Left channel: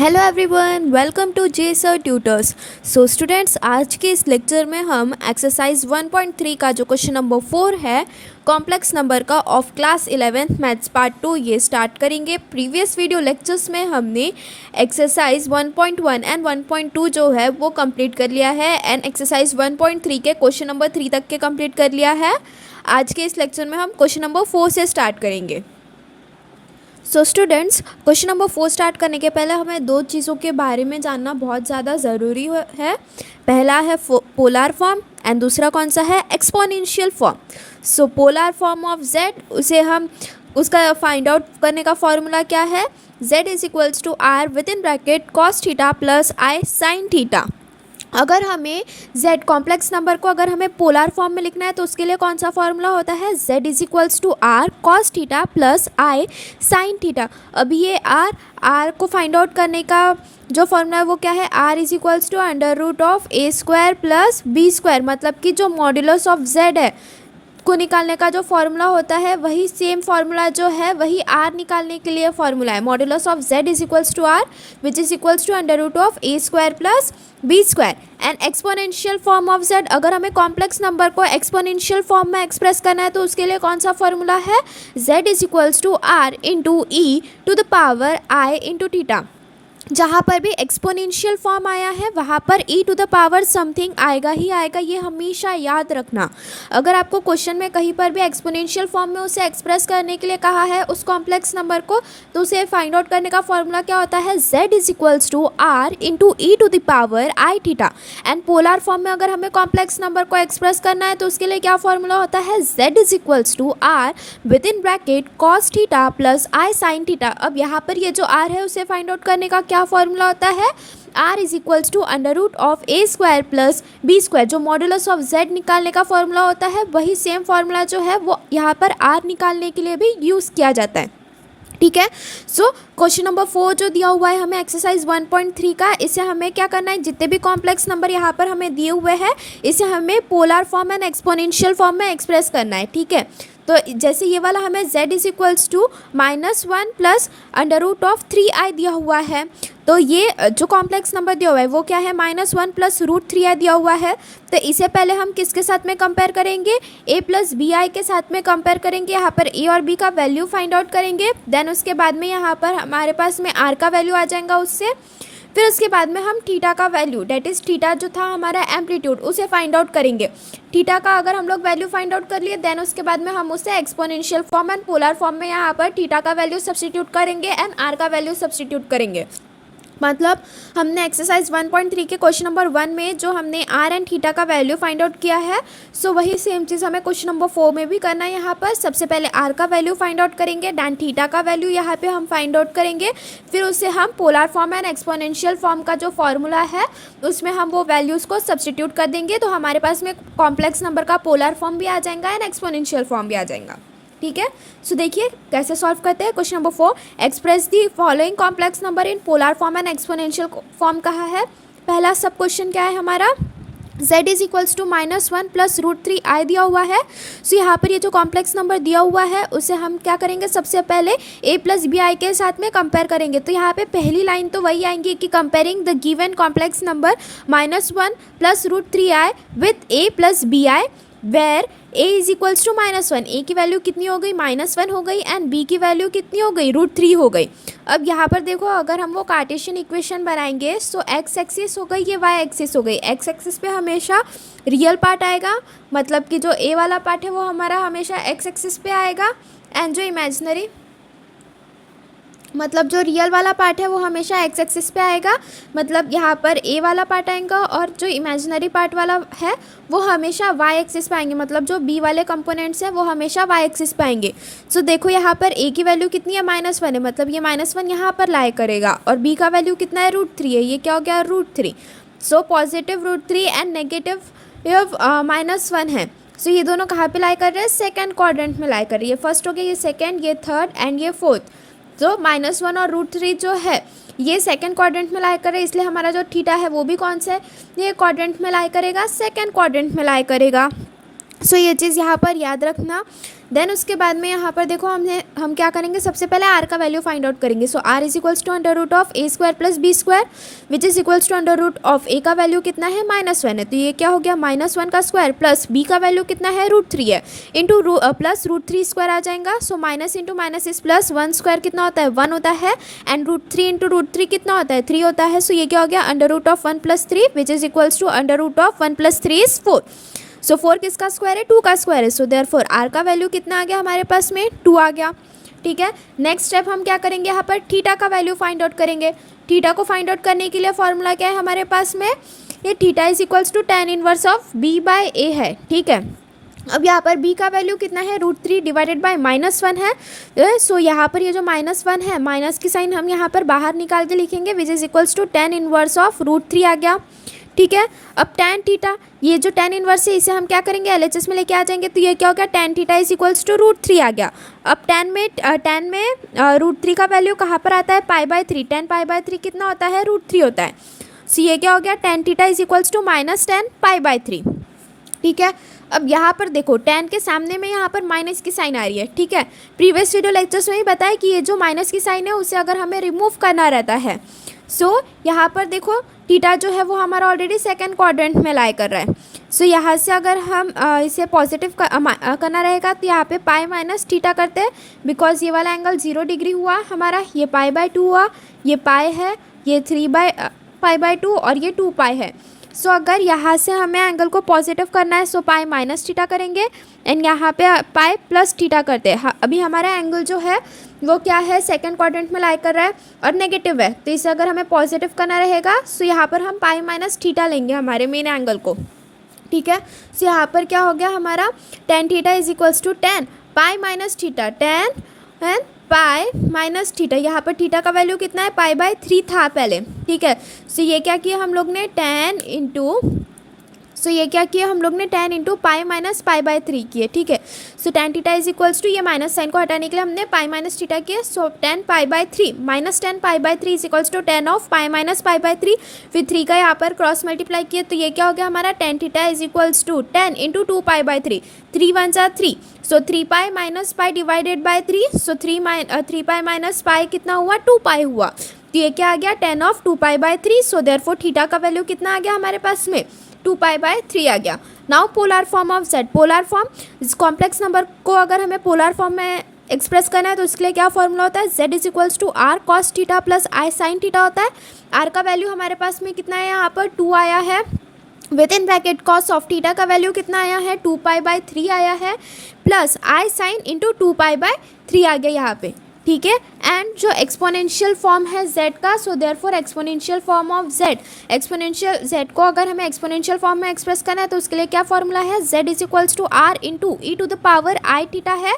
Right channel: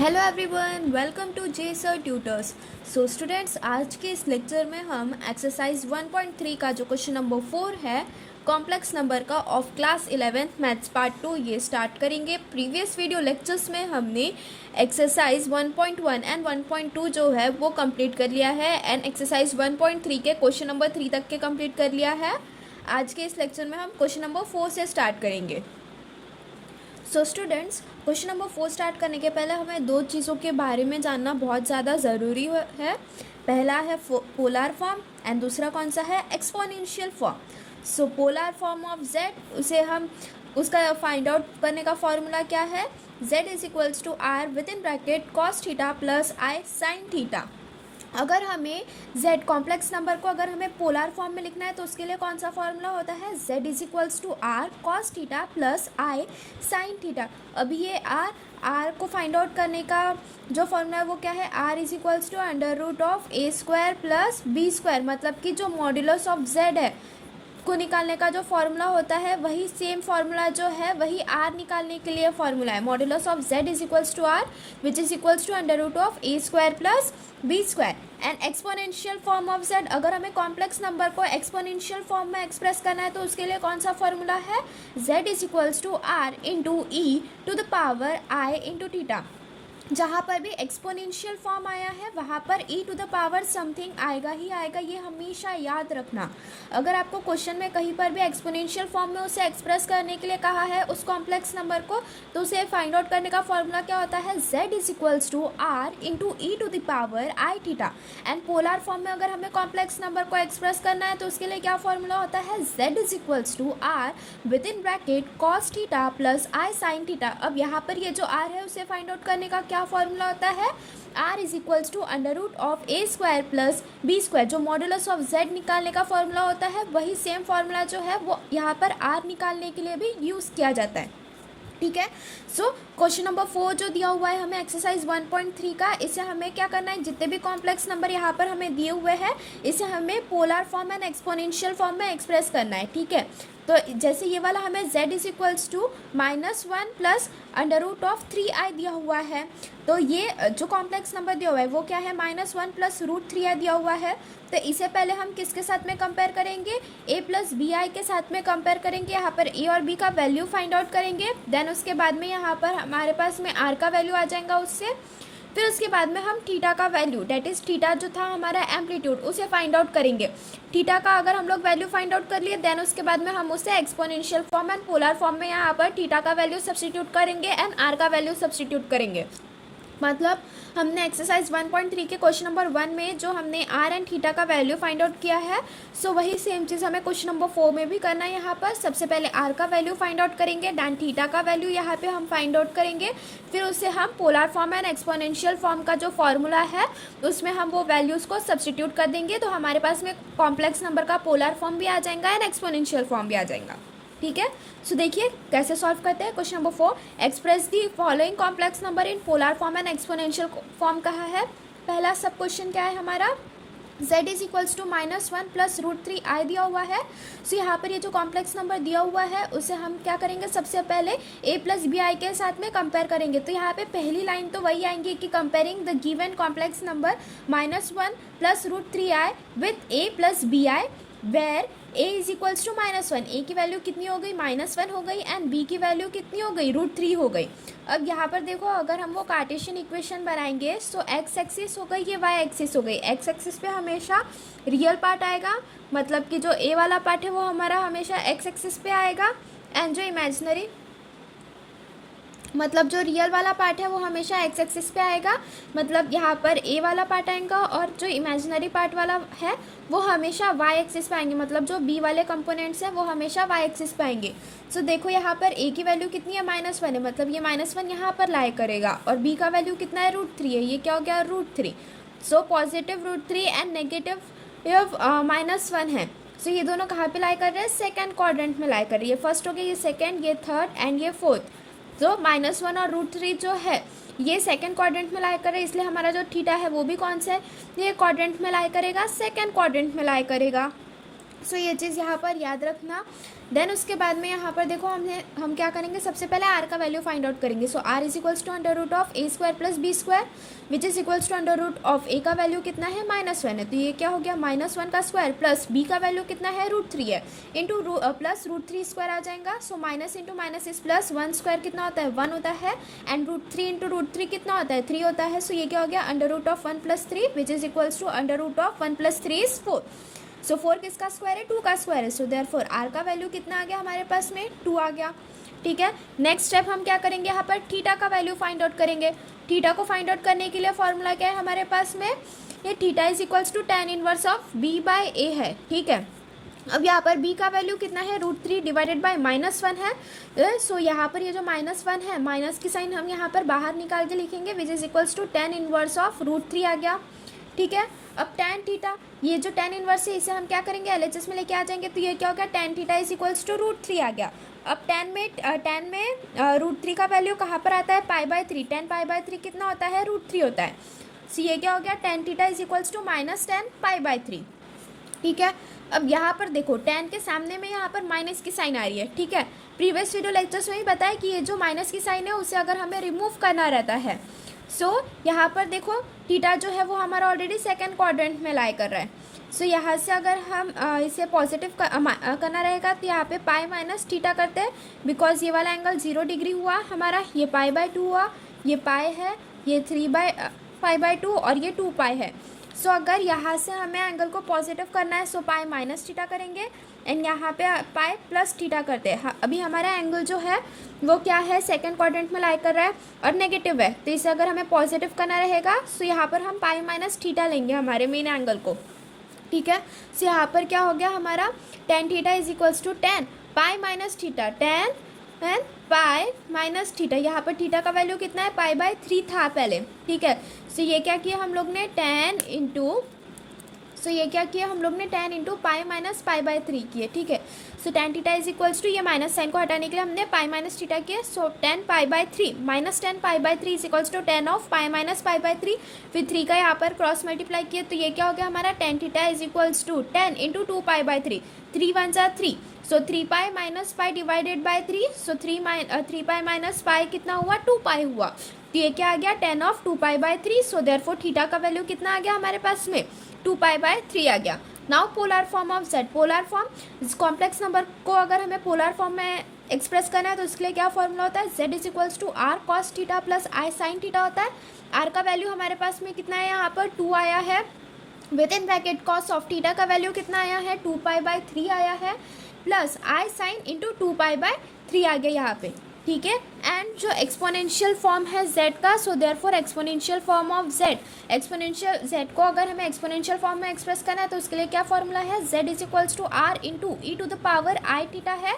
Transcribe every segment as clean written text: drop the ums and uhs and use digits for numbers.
Hello everyone, welcome to J sir tutors. So students, आज के इस लेक्चर में हम एक्सरसाइज 1.3 का जो क्वेश्चन नंबर 4 है कॉम्प्लेक्स नंबर का of class 11th maths part 2 ये स्टार्ट करेंगे। प्रीवियस वीडियो लेक्चर्स में हमने एक्सरसाइज 1.1 एंड 1.2 जो है वो कंप्लीट कर लिया है एंड एक्सरसाइज 1.3 के क्वेश्चन नंबर 3 तक के कंप्लीट कर लिया है। आज के इस लेक्चर में हम क्वेश्चन नंबर 4 से स्टार्ट करेंगे। So students, question number 4 start करने के पहले हमें दो चीज़ों के बारे में जानना बहुत ज़्यादा ज़रूरी है। पहला है पोलर फॉर्म एंड दूसरा कौन सा है, exponential form. So polar form of Z, उसे हम उसका फाइंड आउट करने का फॉर्मूला क्या है, z is equals to r with in bracket cos theta plus i sine theta. अगर हमें z कॉम्प्लेक्स नंबर को अगर हमें पोलर फॉर्म में लिखना है तो उसके लिए कौन सा फॉर्मूला होता है, z is equals to r cos theta plus i sine theta. अब ये r को फाइंड आउट करने का जो फॉर्मूला है वो क्या है, r is equals to under root of a square plus b square. मतलब कि जो मॉड्यूलस ऑफ z है को निकालने का जो फॉर्मूला होता है वही सेम फॉर्मूला जो है वही आर निकालने के लिए फॉर्मूला है। Modulus of z is equals to r which is equals to under root of a square plus b square. And exponential form of z, अगर हमें कॉम्प्लेक्स नंबर को एक्सपोनेंशियल फॉर्म में एक्सप्रेस करना है तो उसके लिए कौन सा फॉर्मूला है, z is equals to r into e to the power i into theta. जहाँ पर भी एक्सपोनेंशियल फॉर्म आया है वहाँ पर e to the power something आएगा ही आएगा, ये हमेशा याद रखना। अगर आपको क्वेश्चन में कहीं पर भी एक्सपोनेंशियल फॉर्म में उसे एक्सप्रेस करने के लिए कहा है उस कॉम्प्लेक्स नंबर को, तो उसे फाइंड आउट करने का फॉर्मूला क्या होता है, z is equals to r into e to the power i theta. And polar form में अगर हमें कॉम्प्लेक्स नंबर को एक्सप्रेस करना है तो उसके लिए क्या फॉर्मूला होता है, z is equals to r with in bracket cos theta plus i sine theta. अब यहाँ पर ये जो r है उसे फाइंड आउट करने का क्या फॉर्मूला होता है, r is equals to under root of a square plus b square. जो मॉड्यूलस ऑफ z निकालने का फॉर्मूला होता है वही सेम फॉर्मूला जो है वो यहाँ पर r निकालने के लिए भी यूज़ किया जाता है। ठीक है। सो क्वेश्चन नंबर 4 जो दिया हुआ है हमें एक्सरसाइज 1.3 का, इसे हमें क्या करना है, जितने भी कॉम्प्लेक्स नंबर यहाँ पर हमें दिए हुए हैं इसे हमें polar form and exponential form में एक्सप्रेस करना है। ठीक है। तो जैसे ये वाला हमें z is equals to -1 plus under root of 3i दिया हुआ है, तो ये जो कॉम्प्लेक्स नंबर दिया हुआ है वो क्या है, -1 प्लस √3i दिया हुआ है। तो इसे पहले हम किसके साथ में कंपेयर करेंगे, a प्लस बी आई के साथ में कंपेयर करेंगे। यहाँ पर a और b का वैल्यू फाइंड आउट करेंगे। देन उसके बाद में यहाँ पर हमारे पास में r का वैल्यू आ जाएगा उससे। फिर उसके बाद में हम थीटा का वैल्यू, डेट इज़ थीटा जो था हमारा एम्पलीट्यूड, उसे फाइंड आउट करेंगे। थीटा का अगर हम लोग वैल्यू फाइंड आउट कर लिए देन उसके बाद में हम उसे exponential form and polar form में यहाँ पर थीटा का वैल्यू सब्स्टिट्यूट करेंगे एंड आर का वैल्यू सब्स्टिट्यूट करेंगे। मतलब हमने एक्सरसाइज 1.3 के क्वेश्चन नंबर 1 में जो हमने आर एंड थीटा का वैल्यू फाइंड आउट किया है, सो वही सेम चीज़ हमें क्वेश्चन नंबर 4 में भी करना है। यहाँ पर सबसे पहले आर का वैल्यू फाइंड आउट करेंगे, दैन थीटा का वैल्यू यहाँ पे हम फाइंड आउट करेंगे। फिर उससे हम polar form and exponential form का जो फॉर्मूला है उसमें हम वो वैल्यूज़ को सब्स्टिट्यूट कर देंगे, तो हमारे पास में कॉम्प्लेक्स नंबर का पोलर फॉर्म भी आ जाएगा एंड एक्सपोनेंशियल फॉर्म भी आ जाएगा। ठीक है। सो देखिए कैसे सॉल्व करते हैं। Question number 4, express the following complex number in polar form and exponential form कहा है। पहला सब क्वेश्चन क्या है हमारा, z is equals to -1 plus √3i दिया हुआ है। सो यहाँ पर ये जो कॉम्प्लेक्स नंबर दिया हुआ है उसे हम क्या करेंगे, सबसे पहले a प्लस बी आई के साथ में कंपेयर करेंगे। तो यहाँ पे पहली लाइन तो वही आएंगी कि comparing the given complex number -1 plus √3i with a plus b i where a is equals to -1। a की वैल्यू कितनी हो गई, -1 हो गई एंड b की वैल्यू कितनी हो गई, √3 हो गई। अब यहाँ पर देखो अगर हम वो कार्टेशियन इक्वेशन बनाएंगे सो x एक्सिस हो गई, ये y एक्सिस हो गई। x एक्सिस पे हमेशा रियल पार्ट आएगा, मतलब कि जो a वाला पार्ट है वो हमारा हमेशा x एक्सिस पे आएगा एंड जो इमेजिनरी मतलब जो रियल वाला पार्ट है वो हमेशा x एक्सिस पे आएगा। मतलब यहाँ पर a वाला पार्ट आएगा और जो इमेजिनरी पार्ट वाला है वो हमेशा y एक्सिस पे आएंगे। मतलब जो b वाले कंपोनेंट्स हैं वो हमेशा y एक्सिस पे आएंगे। सो देखो यहाँ पर a की वैल्यू कितनी है, -1 है, मतलब ये -1 यहाँ पर लाई करेगा और b का वैल्यू कितना है, √3 है, ये क्या हो गया, √3। सो पॉजिटिव √3 एंड नेगेटिव -1 है। सो ये दोनों कहाँ पे लाई कर रहे हैं, सेकेंड क्वाड्रेंट में लाई कर रही है। फर्स्ट हो गया ये सेकेंड, ये थर्ड एंड ये फोर्थ। तो -1 और √3 जो है ये सेकंड क्वाड्रेंट में लाई करे, इसलिए हमारा जो थीटा है वो भी कौन सा है, ये क्वाड्रेंट में लाई करेगा, सेकंड क्वाड्रेंट में लाई करेगा। सो ये चीज़ यहाँ पर याद रखना देन उसके बाद में यहाँ पर देखो हम क्या करेंगे, सबसे पहले आर का वैल्यू फाइंड आउट करेंगे। So r is equals to under root of a square plus b square which is equals to under root of a का वैल्यू कितना है -1 है, तो ये क्या हो गया -1 का स्क्वायर प्लस बी का वैल्यू कितना है √3 है इंटू प्लस √3 स्क्वायर आ जाएगा। सो माइनस इंटू माइनस इस प्लस 1 स्क्वायर कितना होता है 1 होता है एंड √3 इंटू √3 कितना होता है 3 होता है। सो ये क्या हो गया under root of 1 + 3 which is equals to under root of 1 + 3 is 4। So 4 किसका स्क्वायर है 2 का स्क्वायर है। सो देयरफॉर आर का वैल्यू कितना आ गया हमारे पास में 2 आ गया। ठीक है, नेक्स्ट स्टेप हम क्या करेंगे, यहाँ पर थीटा का वैल्यू फाइंड आउट करेंगे। थीटा को फाइंड आउट करने के लिए फॉर्मूला क्या है हमारे पास में, ये theta is equals to tan inverse of b by a है। ठीक है, अब यहाँ पर b का वैल्यू कितना है √3 डिवाइडेड बाय -1 है। सो यहाँ पर ये जो -1 है माइनस की साइन हम यहाँ पर बाहर निकाल के लिखेंगे which is equals to tan inverse of √3 आ गया। ठीक है, अब tan थीटा, ये जो tan इनवर्स है इसे हम क्या करेंगे LHS में लेके आ जाएंगे, तो ये क्या हो गया tan theta is equals to √3 आ गया। अब tan में √3 का वैल्यू कहाँ पर आता है π/3, tan π/3 कितना होता है √3 होता है। सो ये क्या हो गया tan theta is equals to -tan π/3। ठीक है, अब यहाँ पर देखो tan के सामने में यहाँ पर माइनस की साइन आ रही है। ठीक है, प्रीवियस वीडियो लेक्चर्स में ही बताया कि ये जो माइनस की साइन है उसे अगर हमें रिमूव करना रहता है, सो यहाँ पर देखो थीटा जो है वो हमारा ऑलरेडी सेकंड क्वाड्रेंट में लाई कर रहा है। सो यहाँ से अगर हम इसे पॉजिटिव करना रहेगा तो यहाँ पे पाई माइनस थीटा करते हैं, बिकॉज ये वाला एंगल 0 डिग्री हुआ हमारा, ये π/2 हुआ, ये पाई है, ये 3/π/2 और ये 2 है। सो अगर यहाँ से हमें एंगल को पॉजिटिव करना है सो पाई माइनस थीटा करेंगे एंड यहाँ पे पाई प्लस थीटा करते हैं। अभी हमारा एंगल जो है वो क्या है सेकंड क्वाड्रेंट में लाई कर रहा है और नेगेटिव है, तो इसे अगर हमें पॉजिटिव करना रहेगा सो यहाँ पर हम पाई माइनस थीटा लेंगे हमारे मेन एंगल को। ठीक है, सो यहाँ पर क्या हो गया हमारा tan theta is equals to tan pi minus theta, tan and pi minus theta. यहाँ पर थीटा का वैल्यू कितना है π/3 था पहले। ठीक है, सो ये क्या किया हम लोग ने tan into tan into pi minus π/3 किए। ठीक है, so tan theta is equals to, ये माइनस साइन को हटाने के लिए हमने पाई माइनस थीटा किया, so tan π/3 minus tan π/3 is equals to tan of pi minus π/3, फिर 3 का यहाँ पर क्रॉस मल्टीप्लाई किया तो ये क्या हो गया हमारा tan theta is equals to tan into 2π/3, 3 1 जा 3, so 3π minus pi divided by 3, so 3π minus pi कितना हुआ 2π हुआ, तो ये क्या आ गया tan of 2π/3। So therefore theta का वैल्यू कितना आ गया हमारे पास में 2π/3 आ गया। Now polar form of z, polar form complex number को अगर हमें पोलर फॉर्म में एक्सप्रेस करना है तो उसके लिए क्या फॉर्मूला होता है, z is equals to r cos theta plus i sin theta होता है। r का वैल्यू हमारे पास में कितना है यहाँ पर 2 आया है, with in bracket cos of theta का वैल्यू कितना आया है 2π/3 आया है, प्लस i sin इंटू 2π/3 आ गया यहाँ पे। ठीक है, एंड जो एक्सपोनेंशियल फॉर्म है z का, सो therefore exponential form of z, exponential z को अगर हमें एक्सपोनेंशियल फॉर्म में एक्सप्रेस करना है तो उसके लिए क्या फॉर्मूला है, z is equals to r into e to the power i theta है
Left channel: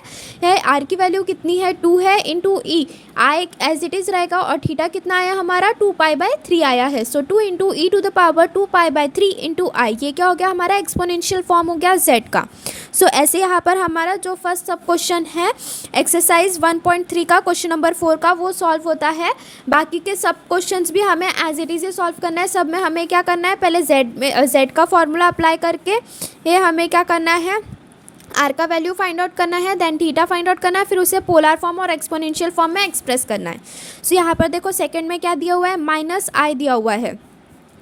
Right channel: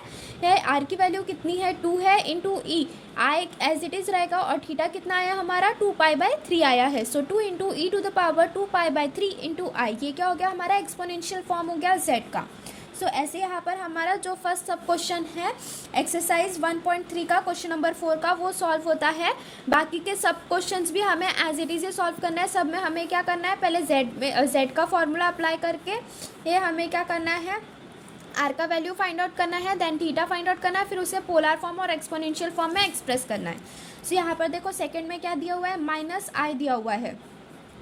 r की वैल्यू कितनी है 2 है into e, i as it is रहेगा और थीटा कितना आया हमारा 2π/3 आया है, so 2 into e to the power 2π/3 into i, ये क्या हो गया हमारा एक्सपोनेंशियल फॉर्म हो गया z का। सो ऐसे यहाँ पर हमारा जो फर्स्ट सब क्वेश्चन है एक्सरसाइज 1.3 का क्वेश्चन नंबर 4 का वो सॉल्व होता है। बाकी के सब क्वेश्चंस भी हमें एज इट इज़ सॉल्व करना है। सब में हमें क्या करना है, पहले z का फॉर्मूला अप्लाई करके ये हमें क्या करना है, r का वैल्यू फाइंड आउट करना है, देन थीटा फाइंड आउट करना है, फिर उसे पोलर फॉर्म और एक्सपोनेंशियल फॉर्म में एक्सप्रेस करना है। सो यहाँ पर देखो सेकंड में क्या दिया हुआ है -i दिया हुआ है।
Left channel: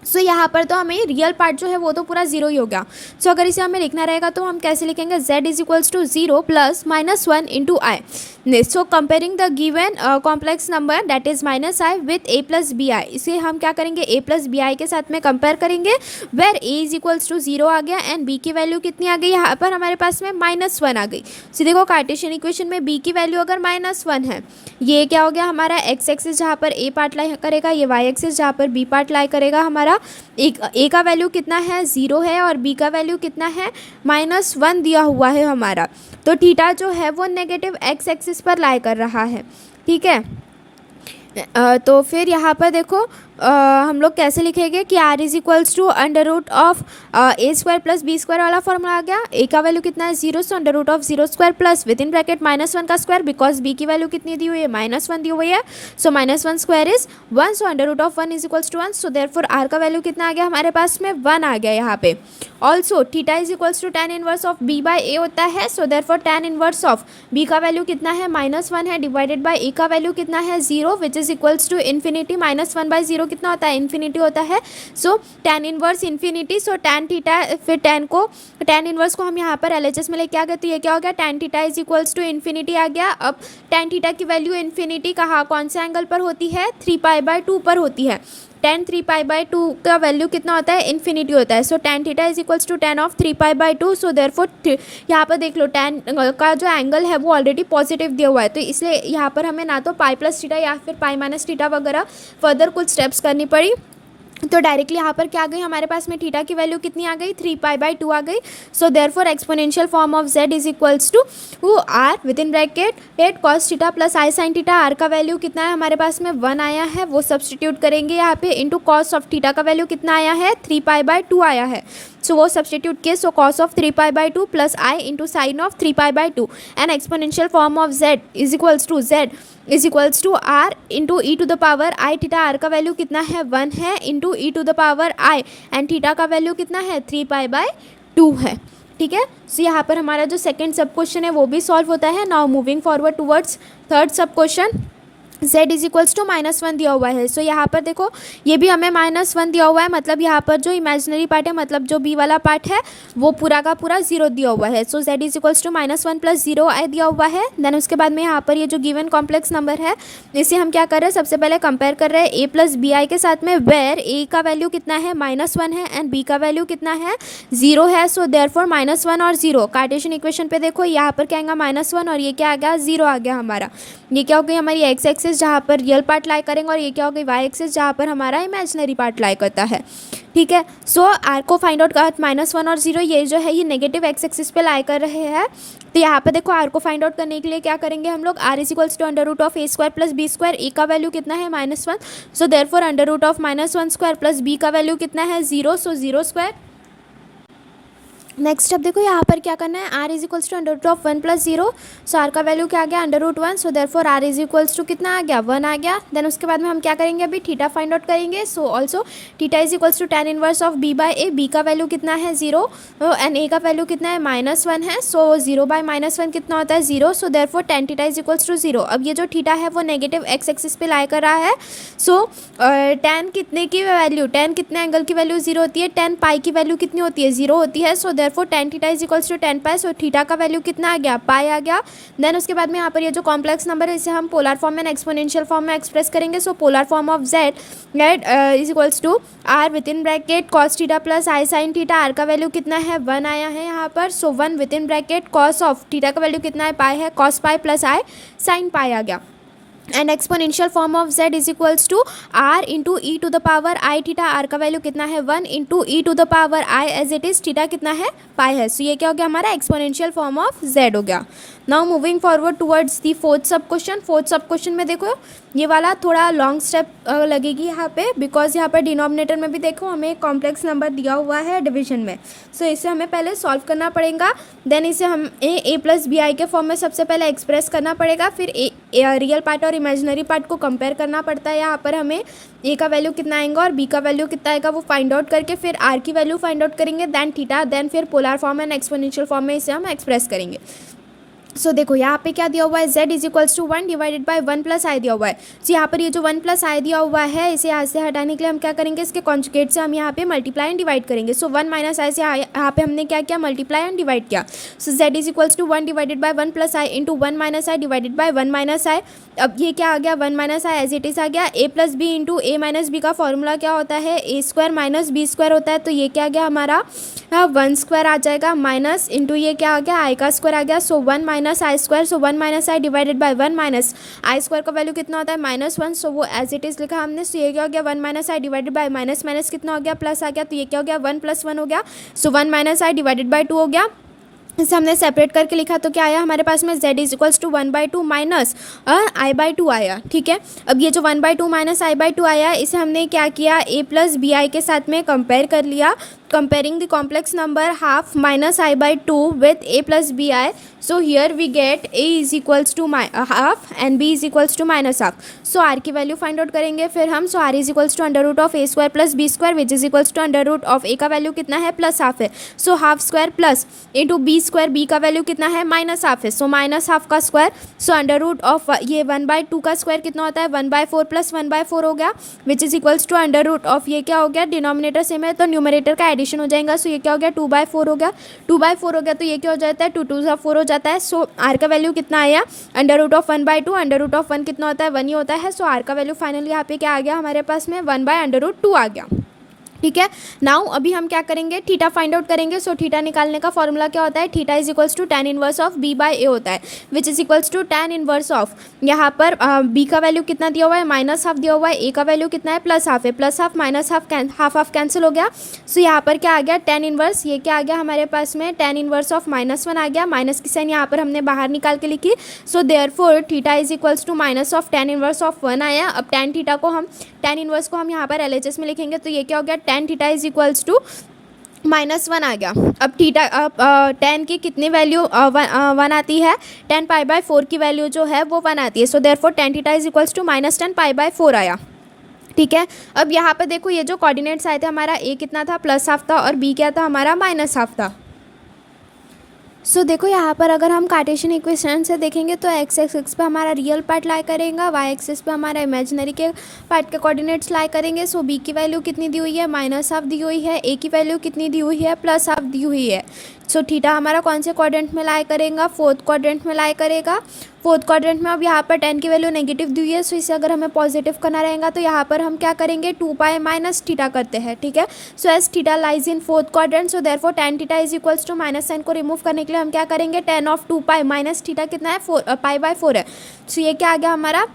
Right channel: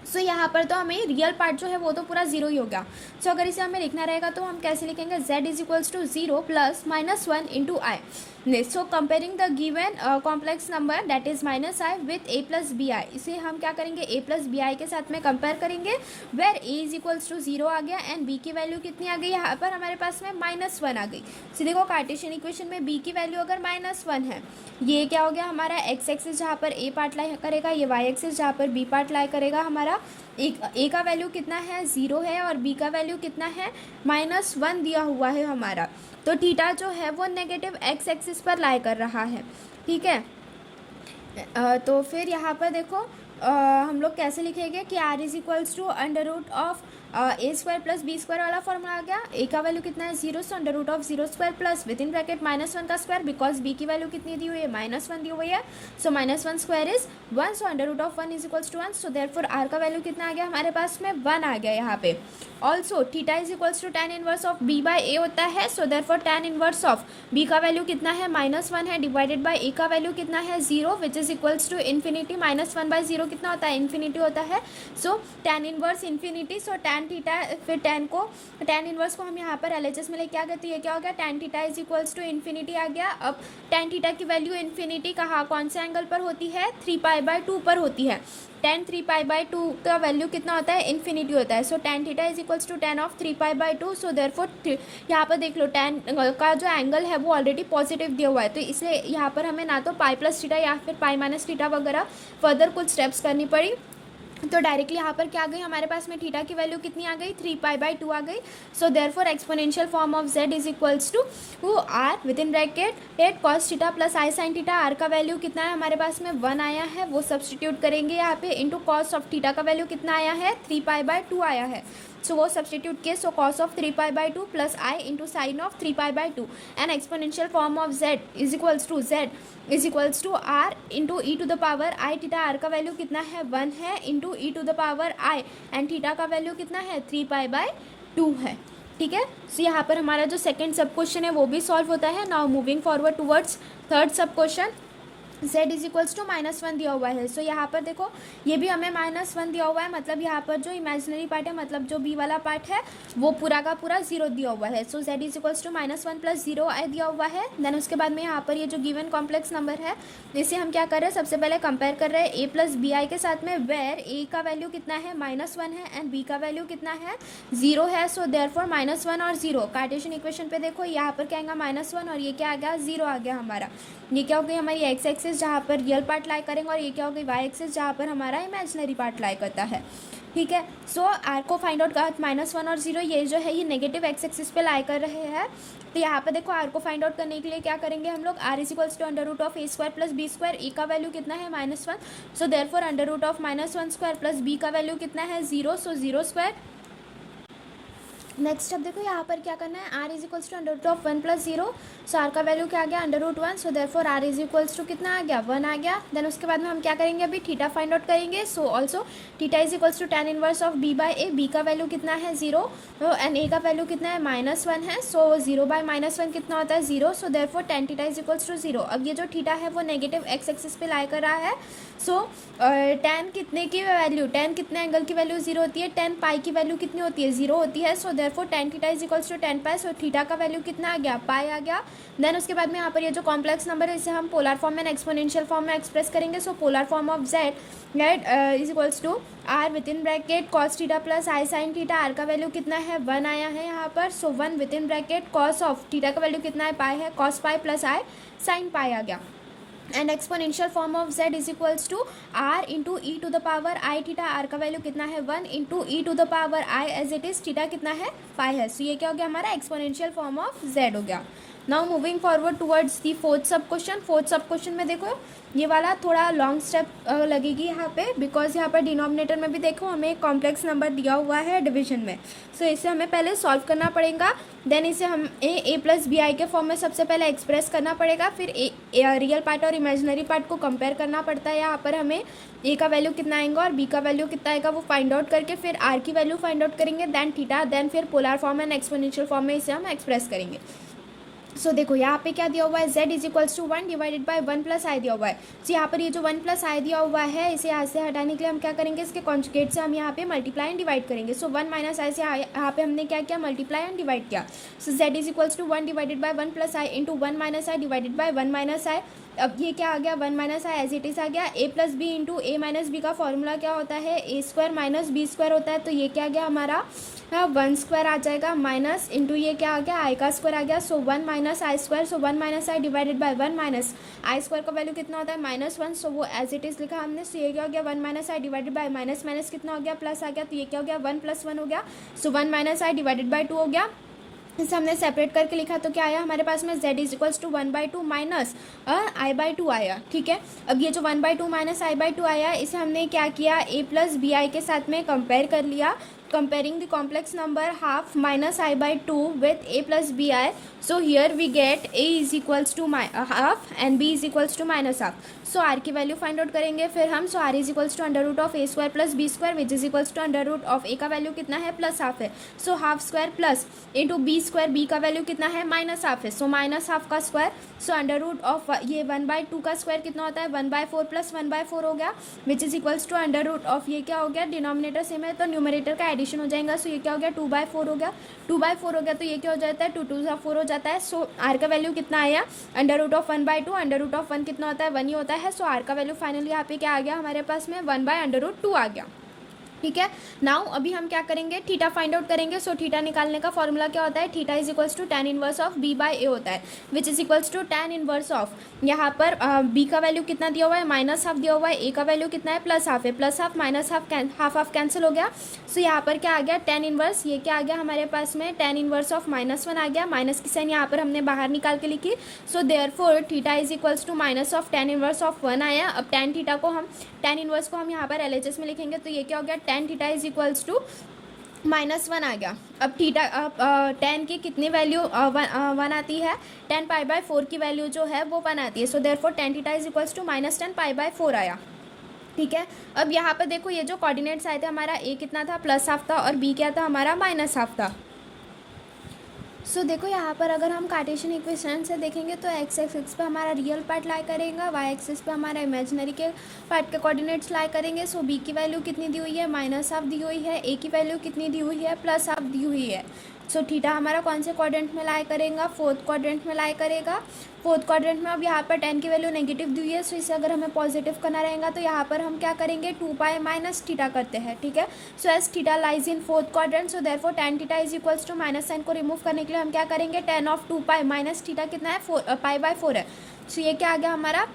सो यहाँ पर तो हमें रियल पार्ट जो है वो तो पूरा 0 ही हो गया। सो अगर इसे हमें लिखना रहेगा तो हम कैसे लिखेंगे, z is equals to 0 plus -1 into i. So comparing the given complex number that is -i with a plus b i, इसे हम क्या करेंगे a प्लस बी आई के साथ में कंपेयर करेंगे, where a is equals to 0 आ गया एंड b की वैल्यू कितनी आ गई यहाँ पर हमारे पास में -1 आ गई। सो देखो कार्टेशियन इक्वेशन में b की वैल्यू अगर -1 है, ये क्या हो गया हमारा x एक्सिस जहाँ पर a पार्ट लाई करेगा, ये y एक्सिस जहाँ पर b पार्ट लाई करेगा। हमारा a का वैल्यू कितना है 0 है और b का वैल्यू कितना है -1 दिया हुआ है हमारा, तो थीटा जो है वो नेगेटिव x एक्सिस पर लाई कर रहा है। ठीक है, तो फिर यहाँ पर देखो हम लोग कैसे लिखेंगे कि r is equals to under root of a square plus b square वाला फॉर्मूला आ गया। ए का वैल्यू कितना है 0, so under root of 0 square plus with in bracket -1 का स्क्वायर, बिकॉज बी की वैल्यू कितनी दी हुई है -1 दी हुई है, so -1 square is 1, so under root of 1 is equals to 1, so therefore r का वैल्यू कितना आ गया हमारे पास में 1 आ गया यहाँ पे। Also theta is equals to tan inverse of b by a होता है, so therefore tan inverse of b का वैल्यू कितना है -1 है, डिवाइडेड बाई ए का वैल्यू कितना है 0, which is equals to infinity. -1/0 कितना होता है, इन्फिनिटी होता है, so tan inverse infinity, so tan theta, फिर tan इनवर्स को हम यहाँ पर LHS में लेके आ गए, तो ये क्या हो गया, tan theta is equals to infinity आ गया। अब tan थीटा की वैल्यू इन्फिनिटी कहाँ, कौन से एंगल पर होती है, 3π/2 पर होती है। tan 3π/2 का वैल्यू कितना होता है, इन्फिनिटी होता है, so tan theta is equals to tan of 3π/2, so therefore यहाँ पर देख लो tan का जो एंगल है वो ऑलरेडी पॉजिटिव दिया हुआ है, तो इसलिए यहाँ पर हमें ना तो पाई प्लस थीटा या फिर पाई माइनस थीटा वगैरह फर्दर कुछ स्टेप्स करनी पड़ी, तो डायरेक्टली यहाँ पर क्या आ गई हमारे पास में थीटा की वैल्यू कितनी आ गई, 3π/2 आ गई। So therefore exponential form of z is equals to r with in bracket 8 cos theta plus i sin theta. r का वैल्यू कितना है हमारे पास में 1 आया है, वो सब्सटीट्यूट करेंगे यहाँ पे, इंटू कॉस ऑफ थीटा का वैल्यू कितना आया है 3π/2 आया है, सो वो सब्सटीट्यूट किए, so cos of 3π/2 plus i into sine of 3π/2 and exponential form of z is equals to r into e to the power i theta. r का value कितना है 1 है, into e to the power i, and theta का value कितना है 3π/2 है। ठीक है, सो यहाँ पर हमारा जो सेकंड सब क्वेश्चन है वो भी सॉल्व होता है। Now moving forward towards third sub question, z is equals to -1 दिया हुआ है, सो यहाँ पर देखो ये भी हमें -1 दिया हुआ है, मतलब यहाँ पर जो इमेजिनरी पार्ट है, मतलब जो b वाला पार्ट है वो पूरा का पूरा 0 दिया हुआ है, so z is equals to -1 plus 0 दिया हुआ है। देन उसके बाद में यहाँ पर ये जो गिवन कॉम्प्लेक्स नंबर है इसे हम क्या कर रहे हैं, सबसे पहले कंपेयर कर रहे हैं a प्लस बी आई के साथ में, वेयर a का वैल्यू कितना है -1 है एंड b का वैल्यू कितना है 0 है, सो देयरफॉर -1 और 0 कार्टेशियन इक्वेशन पे देखो यहाँ पर क्या आएगा -1 और ये क्या आ गया 0 आ गया हमारा। ये क्या हो गई हमारी एक्स एक्सिस जहाँ पर रियल पार्ट लाई करेंगे, और ये क्या हो गई वाई एक्सिस जहाँ पर हमारा इमेजिनरी पार्ट लाई करता है। ठीक है, सो आर को फाइंड आउट कर -1 और 0 ये जो है ये नेगेटिव एक्स एक्सिस पे लाई कर रहे हैं, तो यहाँ पर देखो आर को फाइंड आउट करने के लिए क्या करेंगे हम लोग, r is equals to under root of a square plus b square. A का वैल्यू कितना है -1, so therefore under root of -1 square plus b का वैल्यू कितना है 0, सो 0 स्क्वायर। नेक्स्ट अब देखो यहाँ पर क्या करना है, r is equals to under root of 1 plus 0, so r का वैल्यू क्या आ गया under root 1, so therefore r is equals to कितना आ गया 1 आ गया। देन उसके बाद में हम क्या करेंगे, अभी थीटा फाइंड आउट करेंगे, so also theta is equals to tan inverse of b by a, b का वैल्यू कितना है 0 एंड ए का वैल्यू कितना है -1 है, सो 0 बाई -1 कितना होता है 0, so therefore tan theta is equals to 0। अब ये जो थीटा है वो नेगेटिव एक्स एक्सिस पे लाई कर रहा है, सो tan कितने की वैल्यू, tan कितने एंगल की वैल्यू 0 होती है, tan पाई की वैल्यू कितनी होती है 0 होती है, so therefore tan theta is equals to tan pi, so theta का वैल्यू कितना आ गया पाई आ गया। देन उसके बाद में यहाँ पर ये जो कॉम्प्लेक्स नंबर है इसे हम पोलर फॉर्म में एक्सपोनेंशियल फॉर्म में एक्सप्रेस करेंगे, so polar form of z is equals to r with in bracket cos theta plus i sine theta. R का वैल्यू कितना है 1 आया है यहाँ पर, so 1 with in bracket cos of theta का वैल्यू कितना है पाई है, cos pi plus i sine pi आ गया। And exponential form of z is equals to r into e to the power i theta. R का value कितना है 1 into e to the power i as it is, theta कितना है pi है, सो ये क्या हो गया हमारा एक्सपोनेंशियल फॉर्म ऑफ z हो गया। Now moving forward towards the fourth सब क्वेश्चन। फोर्थ सब क्वेश्चन में देखो ये वाला थोड़ा लॉन्ग स्टेप लगेगी यहाँ पे, बिकॉज यहाँ पर डिनोमिनेटर में भी देखो हमें कॉम्प्लेक्स नंबर दिया हुआ है डिवीजन में, सो इसे हमें पहले सॉल्व करना पड़ेगा। देन इसे हम ए प्लस बी आई के फॉर्म में सबसे पहले एक्सप्रेस करना पड़ेगा, फिर रियल पार्ट और इमेजिनरी पार्ट को कंपेयर करना पड़ता है। यहाँ पर हमें ए का वैल्यू कितना आएगा और बी का वैल्यू कितना आएगा वो फाइंड आउट करके फिर आर की वैल्यू फाइंड आउट करेंगे, देन थीटा, देन फिर polar form and exponential form में इसे हम एक्सप्रेस करेंगे। सो देखो यहाँ पे क्या दिया हुआ है, z is equals to 1 divided by 1 plus i दिया हुआ है। सो यहाँ पर ये जो 1 प्लस आई दिया हुआ है इसे यहाँ से हटाने के लिए हम क्या करेंगे, इसके कॉन्जुगेट से हम यहाँ पे मल्टीप्लाई एंड डिवाइड करेंगे। सो 1 माइनस आई से यहाँ पे हमने क्या किया, मल्टीप्लाई एंड डिवाइड किया। So z is equals to 1 divided by 1 plus i into 1 minus i divided by 1 minus i. अब ये क्या आ गया 1 minus i as it is आ गया। A plus b into a minus b का formula क्या होता है, a square minus b square होता है, तो ये क्या आ गया हमारा 1 स्क्वायर आ जाएगा, माइनस इंटू ये क्या आ गया आई का स्क्वायर आ गया। सो 1 minus I square, so 1 minus i divided by 1 minus I square का वैल्यू कितना होता है -1, सो वो एज इट इज़ लिखा हमने। सो ये क्या हो गया 1 minus i divided bye minus minus कितना हो गया प्लस आ गया, तो ये क्या हो गया 1 + 1 हो गया। सो 1 माइनस आई डिवाइडेड बाय 2 हो गया। इसे हमने सेपरेट करके लिखा तो क्या आया हमारे पास में z is equals to 1/2 minus i/2 आया। ठीक है, अब ये जो 1/2 माइनस i/2 आया इसे हमने क्या किया, a प्लस बी आई के साथ में कंपेयर कर लिया। comparing the complex number half minus i/2 with a plus bi, so here we get a is equals to half and b is equals to minus half। so r की value find out करेंगे फिर हम। so r is equals to under root of a square plus b square which is equals to under root of a का value कितना है plus half है, so half square plus into b square, b का value कितना है minus half है, सो minus half का square, so under root of ये 1/2 का स्क्वायर कितना होता है 1/4 प्लस 1/4 हो गया which is equals to under root of ये क्या हो गया, डिनोमिनेटर सेम है तो न्यूमरेटर का एडिशन हो जाएगा। सो ये क्या हो गया 2/4 हो गया, 2/4 हो गया तो ये क्या हो जाता है 2 2 4 हो जाता है। सो आर का वैल्यू कितना आया under root of 1/2, under root of 1 कितना होता है 1 ही होता है। सो आर का वैल्यू फाइनली यहाँ पे क्या आ गया हमारे पास में 1/√2 आ गया। ठीक है, नाउ अभी हम क्या करेंगे थीटा फाइंड आउट करेंगे। सो थीटा निकालने का फॉर्मूला क्या होता है, theta is equals to tan inverse of b by a होता है which is equals to tan inverse of, यहाँ पर b का वैल्यू कितना दिया हुआ है माइनस हाफ दिया हुआ है, a का वैल्यू कितना है प्लस हाफ है, plus half minus half half cancel हो गया। सो यहाँ पर क्या आ गया tan इनवर्स, ये क्या आ गया हमारे पास में tan इनवर्स ऑफ -1 आ गया, माइनस की साइन यहाँ पर हमने बाहर निकाल के लिखी। So therefore theta is equals to minus of tan inverse of 1 आया। अब tan थीटा को हम tan इनवर्स को हम यहाँ पर LHS में लिखेंगे तो ये क्या हो गया tan theta is equals to -1 आ गया। अब थीटा tan की कितनी वैल्यू 1 आती है, tan π/4 की वैल्यू जो है वो 1 आती है। So therefore tan theta is equals to -tan π/4 आया। ठीक है, अब यहाँ पे देखो ये जो कोऑर्डिनेट्स आए थे हमारा a कितना था प्लस हाफ था और b क्या था हमारा माइनस हाफ था। सो देखो यहाँ पर अगर हम कार्टेशियन इक्वेशन से देखेंगे तो एक्स एक्सिस पे हमारा रियल पार्ट लाई करेगा, वाई एक्सिस पे हमारा इमेजिनरी के पार्ट के कोऑर्डिनेट्स लाई करेंगे। सो बी की वैल्यू कितनी दी हुई है माइनस हाफ दी हुई है, ए की वैल्यू कितनी दी हुई है प्लस हाफ दी हुई है। सो थीटा हमारा कौन से क्वाड्रेंट में लाई करेगा, फोर्थ क्वाड्रेंट में लाई करेगा। फोर्थ क्वाड्रेंट में अब यहाँ पर tan की वैल्यू नेगेटिव दी हुई है, सो इसे अगर हमें पॉजिटिव करना रहेगा तो यहाँ पर हम क्या करेंगे 2π माइनस थीटा करते हैं। ठीक है, so as theta lies in fourth quadrant, so therefore tan theta is equals to minus sign को रिमूव करने के लिए हम क्या करेंगे tan ऑफ 2π माइनस थीटा कितना है π/4 है। सो ये क्या आ गया हमारा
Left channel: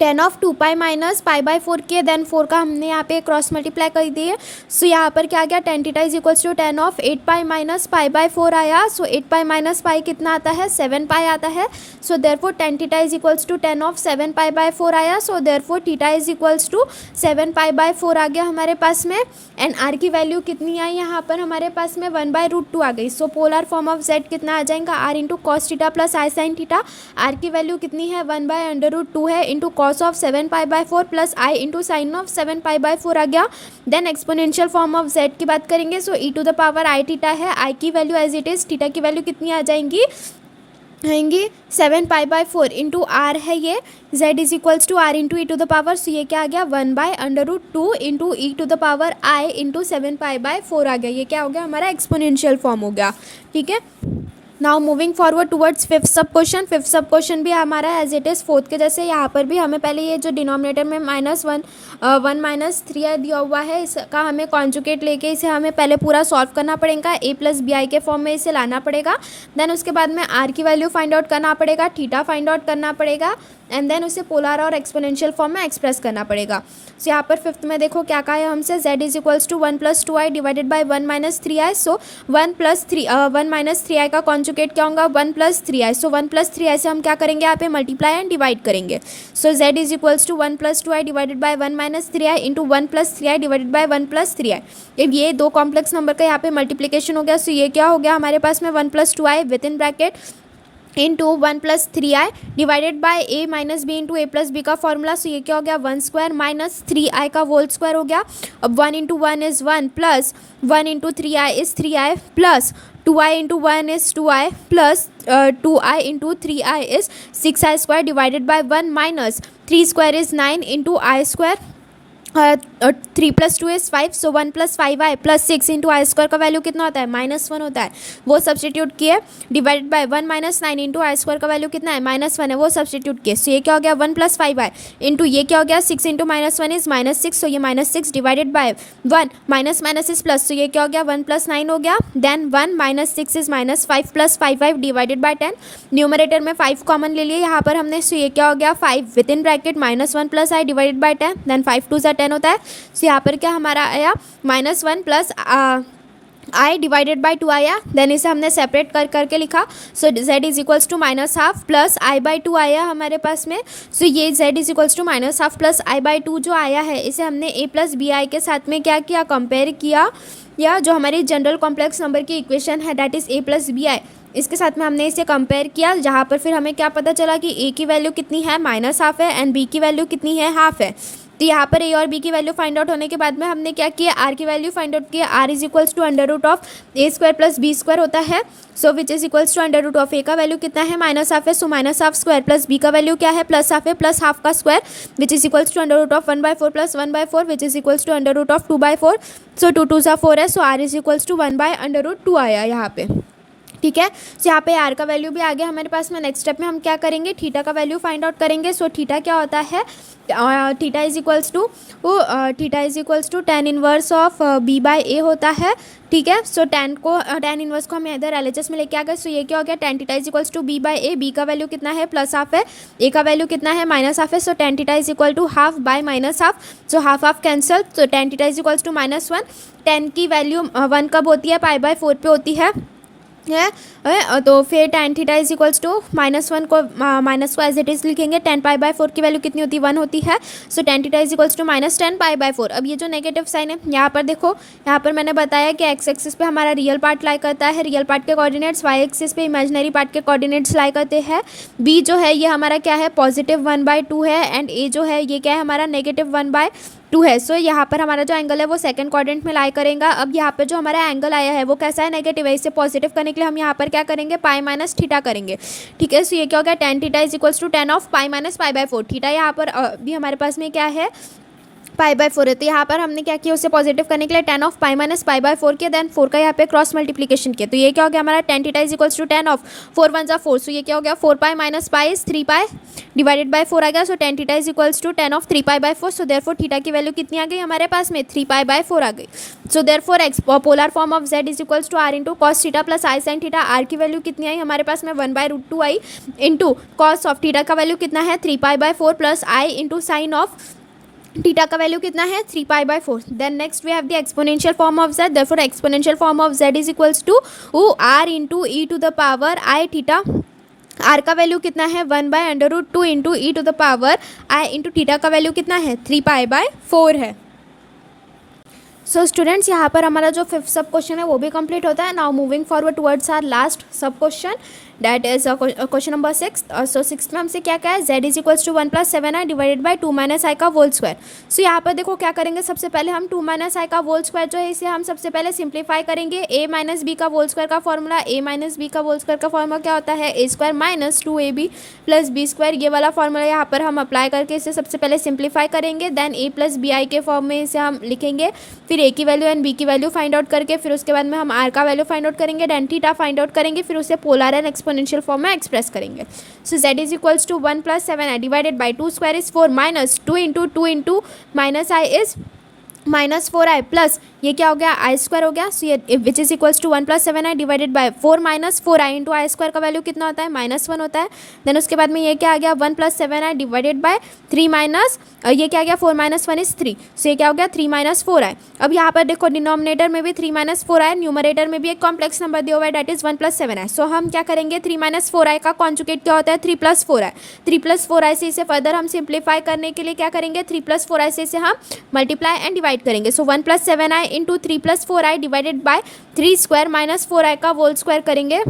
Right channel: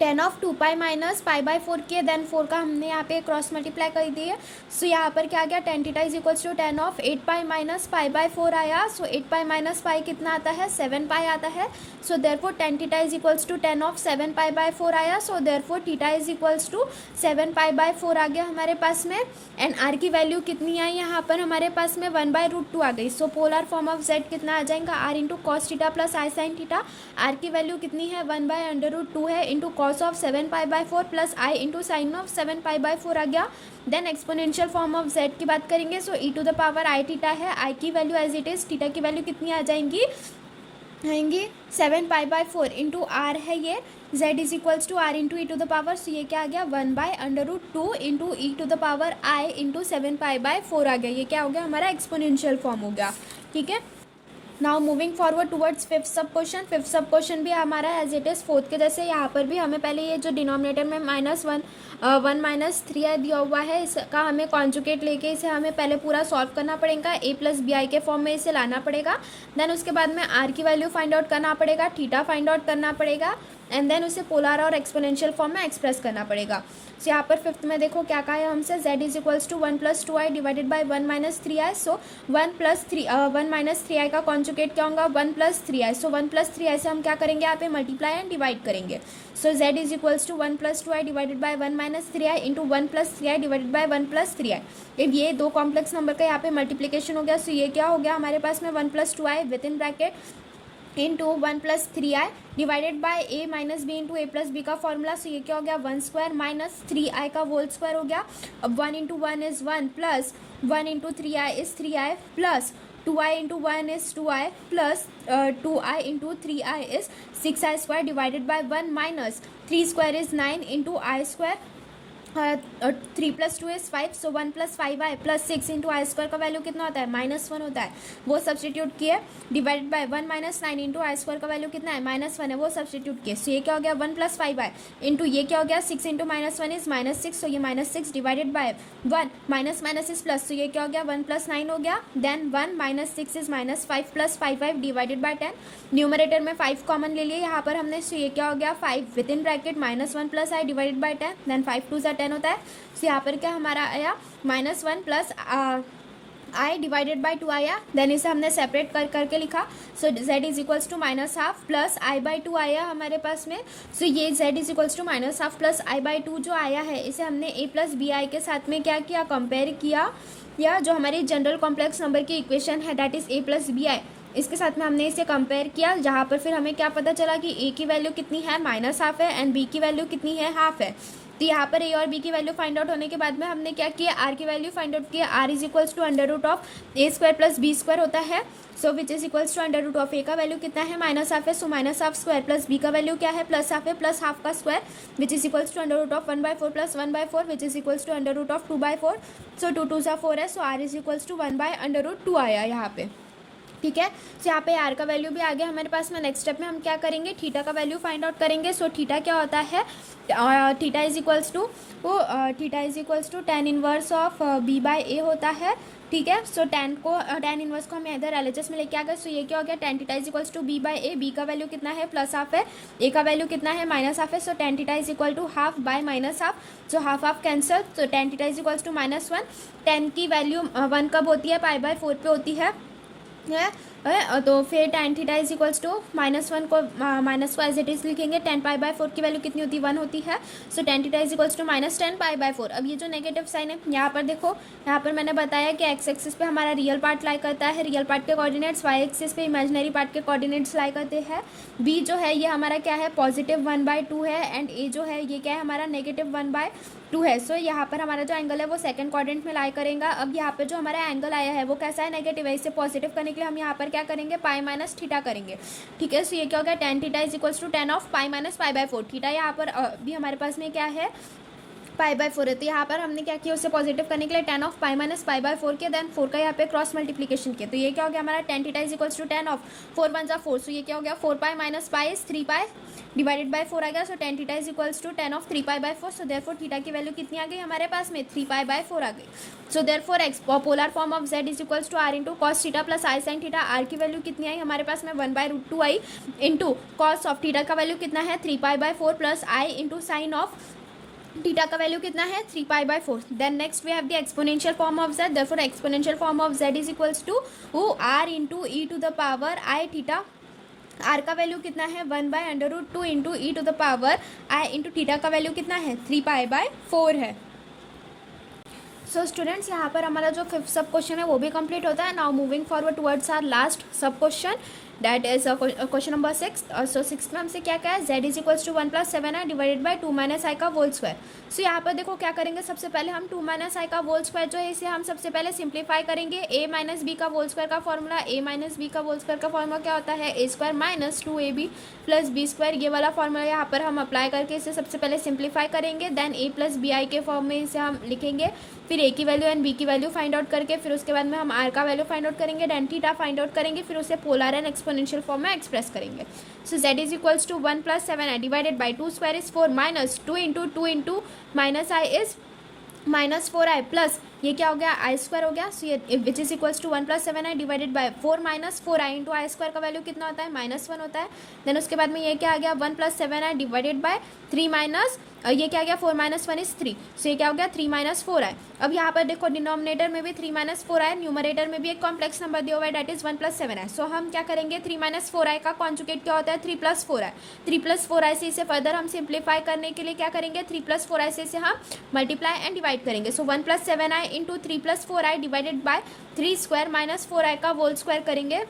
tan ऑफ 2π माइनस π/4 के देन 4 का हमने यहाँ पे क्रॉस मल्टीप्लाई कर दिए। सो यहाँ पर क्या आ गया tan theta is equals to tan of 8π minus π/4 आया। सो 8π माइनस π कितना आता है 7π आता है। So therefore tan theta is equals to tan of 7π/4 आया। So therefore theta is equals to 7π/4 आ गया हमारे पास में। एंड आर की वैल्यू कितनी आई यहाँ पर हमारे पास में 1/√2 आ गई। So polar form of z कितना आ जाएगा r into cos theta plus i sine theta. R की वैल्यू कितनी है 1/√2 है into cos of 7π/4 plus i into sine of 7π/4 आ गया। Then exponential form of z की बात करेंगे। So e to the power i theta है, i की value as it is, theta की वैल्यू कितनी आ जाएंगी आएंगी 7π/4 इंटू आर है ये, z is equals to r into e to the power. सो ये क्या आ गया 1/√2 into e to the power i into 7π/4 आ गया। ये क्या हो गया हमारा एक्सपोनेंशियल फॉर्म हो गया। ठीक है, now moving forward towards fifth सब क्वेश्चन। फिफ्थ सब क्वेश्चन भी हमारा एज इट इज़ फोर्थ के जैसे, यहाँ पर भी हमें पहले ये जो डिनोमिनेटर में -1 दिया हुआ है इसका हमें कॉन्जुगेट लेके इसे हमें पहले पूरा सॉल्व करना पड़ेगा, a प्लस बी आई के फॉर्म में इसे लाना पड़ेगा। देन उसके बाद में r की वैल्यू फाइंड आउट करना पड़ेगा, थीटा फाइंड आउट करना पड़ेगा एंड देन उसे पोलर और एक्सपोनेंशियल फॉर्म में एक्सप्रेस करना पड़ेगा। सो यहाँ पर फिफ्थ में देखो क्या कहा है हमसे, z is equals to 1 + 2i divided by 1 - 3i। सो 1 + 3i का कॉन्जुगेट क्या होगा 1 + 3i। सो 1 + 3i से हम क्या करेंगे यहाँ पे मल्टीप्लाई एंड डिवाइड करेंगे। So z is equals to 1 + 2i divided by 1 - 3i into 1 + 3i divided by 1 + 3i। अब ये दो कॉम्प्लेक्स नंबर का यहाँ पे मल्टीप्लीकेशन हो गया। सो ये क्या हो गया हमारे पास में 1 + 2i with in bracket into 1 + 3i divided by a minus b into a plus b का फॉर्मूला। सो ये क्या हो गया 1² माइनस 3i का होल स्क्वायर हो गया। अब 1 × 1 is 1 plus 1 × 3i is 3i plus 2i × 1 is 2i plus 2i × 3i is 6i² divided by 1 minus 3² is 9 into i²। 3 + 2 is 5। So 1 + 5i plus 6 into i² का value कितना होता है -1 होता है, वो सब्सटीट्यूट किए डिवाइडेड बाय 1 - 9 इंटू i² का value कितना है -1 है, वो सब्सटीट्यूट किए। सो ये क्या हो गया 1 + 5i इंटू ये क्या हो गया 6 इंटू -1 इज़ -6। सो ये -6 divided by 1 minus is plus. So ये क्या हो गया 1 + 9 हो गया। Then 1 - 6 is -5 plus 5 divided by 10। Numerator में 5 कॉमन ले लिए यहाँ पर हमने। सो ये क्या हो गया 5 with in bracket -1 + i divided by 10। Then 5 × 2 = 10 होता है। सो यहाँ पर क्या हमारा आया -1 प्लस आई डिवाइडेड बाई 2 आया, देन इसे हमने सेपरेट कर करके लिखा। So z is equals to minus half plus i by 2 आया हमारे पास में। सो ये z is equals to minus half plus i by 2 जो आया है इसे हमने a प्लस बी आई के साथ में क्या किया, कंपेयर किया, या जो हमारी जनरल कॉम्प्लेक्स नंबर की इक्वेशन है that is a plus b i, इसके साथ में हमने इसे कंपेयर किया, जहाँ पर फिर हमें क्या पता चला कि a की वैल्यू कितनी है, माइनस हाफ है, एंड b की वैल्यू कितनी है, हाफ है। तो यहाँ पर a और b की वैल्यू फाइंड आउट होने के बाद में हमने क्या किया, r की वैल्यू फाइंड आउट किया। r is equals to under root of a square plus b square होता है। So which is equals to under root of a का वैल्यू कितना है, माइनस हाफ है, सो minus half square, plus b का value क्या है, प्लस हाफ है, प्लस हाफ का square, which is equals to under root of 1/4 plus 1/4 which is equals to under root of 2/4। So 2 2 सा 4 है, so r is equals to 1/√2 आया यहाँ पे। ठीक है, सो यहाँ पे आर का वैल्यू भी आ गया हमारे पास में। नेक्स्ट स्टेप में हम क्या करेंगे, थीटा का वैल्यू फाइंड आउट करेंगे। सो थीटा क्या होता है, theta is equals to tan inverse of b by a होता है। ठीक है, सो tan इनवर्स को हम इधर LHS में लेके आ गए। सो ये क्या हो गया, tan theta is equals to b by a, b का वैल्यू कितना है, प्लस हाफ है, ए का वैल्यू कितना है, माइनस हाफ है। So tan theta is equal to half by minus half, so half half cancel, so tan theta is equals to -1। tan की value 1 कब होती है, π/4 पे होती है। तो फिर tan theta is equals to -1 को माइनस को एज इट इज़ लिखेंगे। tan π/4 की वैल्यू कितनी होती है, 1 होती है। So tan theta is equals to -10 π/4। अब ये जो नेगेटिव साइन है यहाँ पर देखो, यहाँ पर मैंने बताया कि x एक्सिस पे हमारा रियल पार्ट लाई करता है, रियल पार्ट के कोऑर्डिनेट्स, y एक्सिस पे इमेजिनरी पार्ट के कोऑर्डिनेट्स लाई करते हैं। b जो है ये हमारा क्या है, पॉजिटिव 1/2 है, एंड a जो है ये क्या है हमारा नेगेटिव 1/2 है। सो यहाँ पर हमारा जो एंगल है वो सेकंड क्वाड्रेंट में लाई करेगा। अब यहाँ पर जो हमारा एंगल आया है वो कैसा है, नेगेटिव है, इसे पॉजिटिव करने के लिए हम यहाँ पर क्या करेंगे, पाई माइनस थीटा करेंगे। ठीक है, सो ये क्या हो गया, tan theta is equals to tan of pi minus π/4। Theta यहाँ पर भी हमारे पास में क्या है, π/4 है। तो यहाँ पर हमने क्या किया, उससे पॉजिटिव करने के लिए tan ऑफ पाई माइनस π/4 किया, देन 4 का यहाँ पे क्रॉस मल्टीप्लिकेशन किया। तो ये क्या हो गया हमारा, tan theta is equals to tan of 4 1 जा 4। सो ये क्या हो गया, 4π minus pi is 3π divided by 4 आ गया। So tan theta is equals to tan of 3π/4। So therefore theta की वैल्यू कितनी आ गई हमारे पास में, 3π/4 आ गई। So therefore polar form of z is equals to r into cos theta plus i sine theta. r की वैल्यू कितनी आई हमारे पास में, 1/√2 आई, इंटू कॉस ऑफ थीटा का वैल्यू कितना है, 3π/4 plus i into sine of theta का वैल्यू कितना है, 3π/4। Then next we have the exponential form of z, therefore exponential form of z is equals to r into e to the power i theta. r का value कितना है, 1/√2 into e to the power i into theta का value कितना है, 3π/4 है। So students यहाँ पर हमारा जो 5th सब क्वेश्चन है वो भी कंप्लीट होता है। Now moving forward towards our last sub question, that is question number 6। सो 6 में हमसे क्या है, z is equals to 1 + 7i divided by 2 - i का होल स्क्वायर। सो यहाँ पर देखो क्या करेंगे, सबसे पहले हम 2 - i का होल स्क्वायर जो है इसे हम सबसे पहले सिंप्लीफाई करेंगे। a माइनस बी का होल स्क्वायर का फॉर्मूला, a माइनस बी का होल स्क्वायर का फॉर्मूला क्या होता है, a square minus 2ab plus b square. ये वाला फॉर्मूला यहाँ पर हम अप्लाई करके इसे सबसे पहले सिंप्लीफाई करेंगे। Then a plus b i के फॉर्म में इसे हम लिखेंगे, फिर a की वैल्यू एंड b की वैल्यू फाइंड आउट करके फिर उसके बाद में हम r का वैल्यू फाइंड आउट करेंगे, देन थीटा फाइंड आउट करेंगे, फिर उसे पोलर एंड एक्सपोनेंशियल फॉर्म में एक्सप्रेस करेंगे। So z is equals to 1 + 7i divided by 2 square is 4 minus 2 into minus i is -4i plus ये क्या हो गया, आई स्क्वायर हो गया। सो ये which is equals to 1 + 7i divided by 4 - 4i into i square का value कितना होता है, -1 होता है। देन उसके बाद में ये क्या आ गया, 1 + 7i डिवाइडेड बाय 3 माइनस ये क्या आ गया, 4 - 1 इज 3। सो ये क्या हो गया, 3 - 4i। अब यहाँ पर देखो डिनोमिनेटर में भी 3 - 4i, न्यूमरेटर में भी एक कॉम्प्लेक्स नंबर दिया हुआ है डेट इज 1 + 7i। सो हम क्या करेंगे, 3 - 4i का कॉन्जुगेट क्या होता है, 3 + 4i। 3 + 4i से इसे फर्दर हम सिंप्लीफाई करने के लिए क्या करेंगे, 3 + 4i से इसे हम मल्टीप्लाई एंड डिवाइड करेंगे। सो 1 + 7i into 3 + 4i divided by 3 square minus 4i का होल स्क्वायर करेंगे।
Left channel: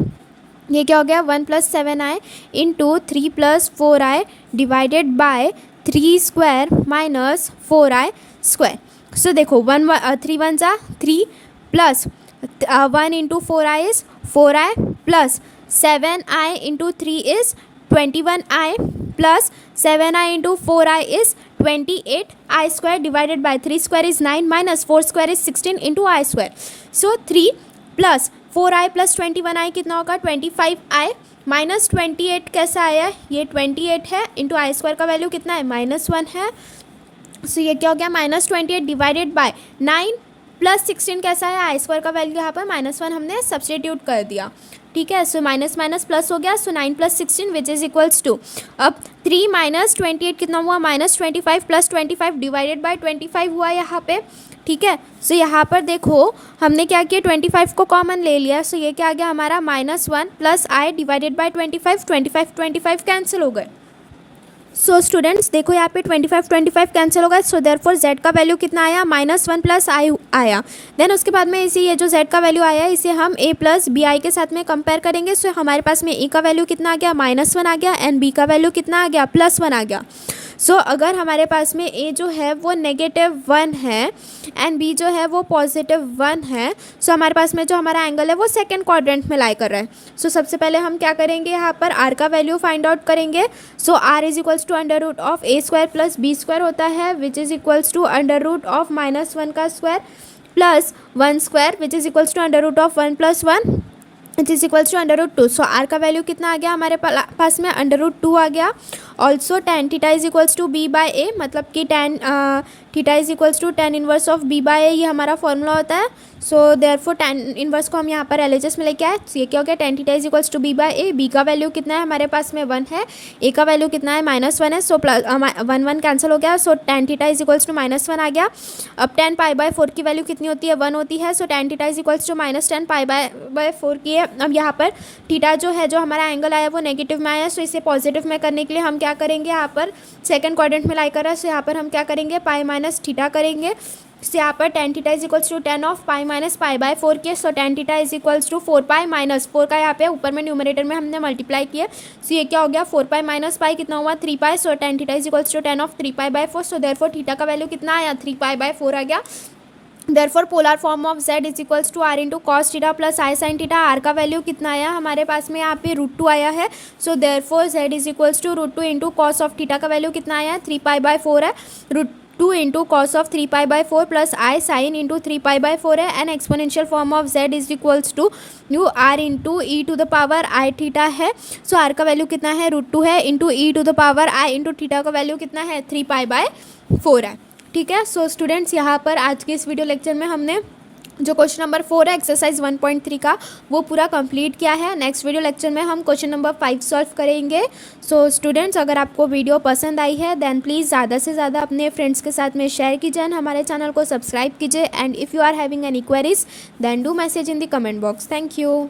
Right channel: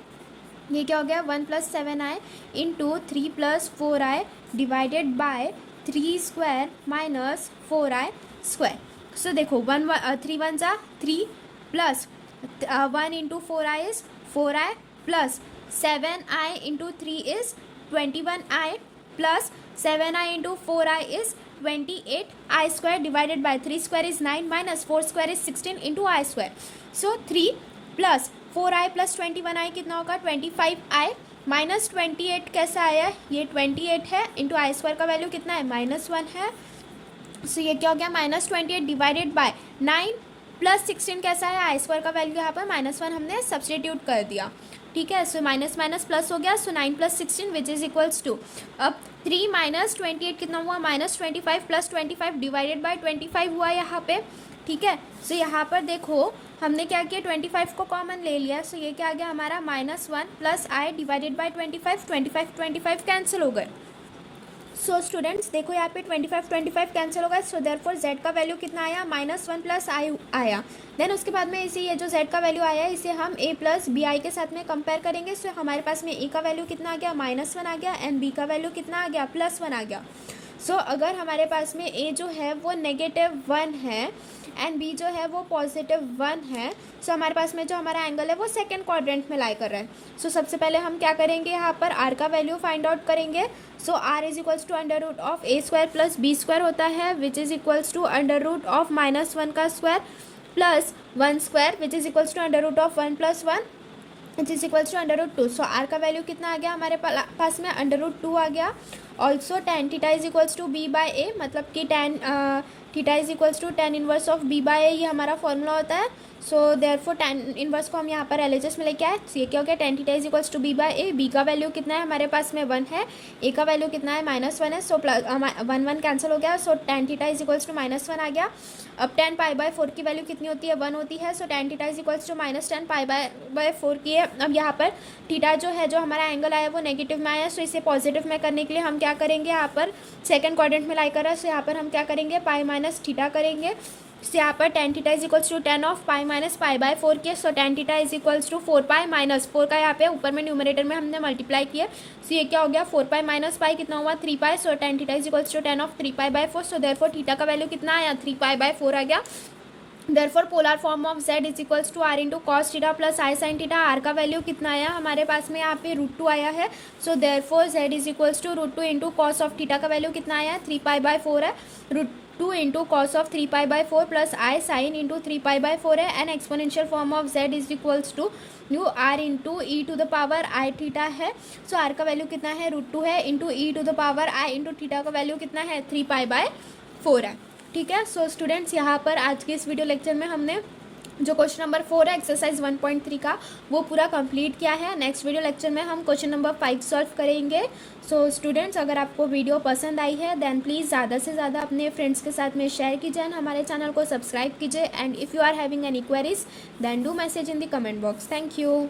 ये क्या हो गया, 1 + 7i into 3 + 4i divided by 3 square minus 4i square. So देखो 3 1 जा 3 plus 1 into 4i is 4i plus 7i into 3 is 21i plus 7i into 4i is 28i square divided by 3 square is 9 minus 4 square is 16 into i square. So 3 plus 4i plus 21i कितना होगा, 25i minus 28 कैसा आया, ये 28 है into i square का value कितना है, -1 है। सो ये क्या हो गया, -28 डिवाइडेड बाय 9 प्लस 16 कैसा है, आई स्क्वायर का वैल्यू यहाँ पर -1 हमने सब्स्टिट्यूट कर दिया। ठीक है। सो माइनस माइनस प्लस हो गया, सो 9 + 16 विच इज़ इक्वल्स टू, अब 3 - 28 कितना हुआ, -25 + 25 डिवाइडेड बाय 25 हुआ यहाँ पे, ठीक है। सो यहाँ पर देखो हमने क्या किया, 25 को कॉमन ले लिया, सो ये क्या आ गया हमारा -1 + i डिवाइडेड बाय 25 कैंसिल हो गए। सो स्टूडेंट्स देखो यहाँ पे 25 कैंसिल होगा, सो देयरफॉर z का वैल्यू कितना आया, -1 + i आया। देन उसके बाद में इसी ये जो z का वैल्यू आया इसे हम a + bi के साथ में कंपेयर करेंगे। सो हमारे पास में a का वैल्यू कितना आ गया, -1 आ गया, एंड b का वैल्यू कितना आ गया, +1 आ गया। सो अगर हमारे पास में a जो है वो -1 है एंड b जो है वो +1 है, सो हमारे पास में जो हमारा एंगल है वो सेकंड क्वाड्रेंट में लाई कर रहा है। सो सबसे पहले हम क्या करेंगे, यहाँ पर r का वैल्यू फाइंड आउट करेंगे। सो r = √a² + b² होता है, विच इज़ इक्वल्स टू √(-1) का square plus 1 square, which is equals to √(1 + 1) it is equals to √2। So r का वैल्यू कितना आ गया हमारे पास में, √2 आ गया। Also tan theta is equals to b/a, मतलब कि tan theta is equals to tan inverse of b/a, ये हमारा फॉर्मूला होता है। सो देयरफॉर tan इनवर्स को हम यहाँ पर LHS में लेके आए, ये क्या हो गया, tan theta is equals to b/a। b का वैल्यू कितना है हमारे पास में 1 है, a का वैल्यू कितना है -1 है, सो प्लस 1 कैंसिल हो गया, so tan theta is equals to -1 आ गया। अब tan π/4 की वैल्यू कितनी होती है, 1 होती है, so tan theta is equals to -tan π/4 की है। अब यहाँ पर थीटा जो है, जो हमारा एंगल आया वो नेगेटिव में आया, सो इसे पॉजिटिव में करने के लिए हम क्या करेंगे, यहाँ पर सेकंड क्वाड्रेंट में लाई कर रहा है, सो यहाँ पर हम क्या करेंगे, π - थीटा करेंगे। सो यहाँ पर tan theta is equals to tan of π - π/4 के, so tan theta is equals to 4π - 4 का यहाँ पे ऊपर में न्यूमरेटर में हमने मल्टीप्लाई किया, सो ये क्या हो गया, 4π - π कितना हुआ, 3π, so tan theta is equals to tan of 3π/4। So therefore theta का वैल्यू कितना आया, 3π/4 आ गया। Therefore polar form of z is equals to r into cos theta plus i sine theta. r का वैल्यू कितना आया हमारे पास में, यहाँ पे √2 आया है, so therefore z is equals to √2 into cos of theta का वैल्यू कितना आया है, 3π/4 है, √2 into cos of 3π/4 plus i sine into 3π/4 है, and exponential form of z is equals to r into e⁻i theta है। सो r का value कितना है, √2 है, इंटू e⁻i इंटू थीटा का वैल्यू कितना है, 3π/4 है, ठीक है। सो स्टूडेंट्स यहाँ पर आज के इस वीडियो लेक्चर में हमने जो क्वेश्चन नंबर 4 है एक्सरसाइज 1.3 का वो पूरा कंप्लीट किया है। नेक्स्ट वीडियो लेक्चर में हम क्वेश्चन नंबर 5 सॉल्व करेंगे। सो स्टूडेंट्स अगर आपको वीडियो पसंद आई है देन प्लीज़ ज़्यादा से ज़्यादा अपने फ्रेंड्स के साथ में शेयर कीजिए एंड हमारे चैनल को सब्सक्राइब कीजिए, and if you are having any queries then do message in the comment box. Thank you.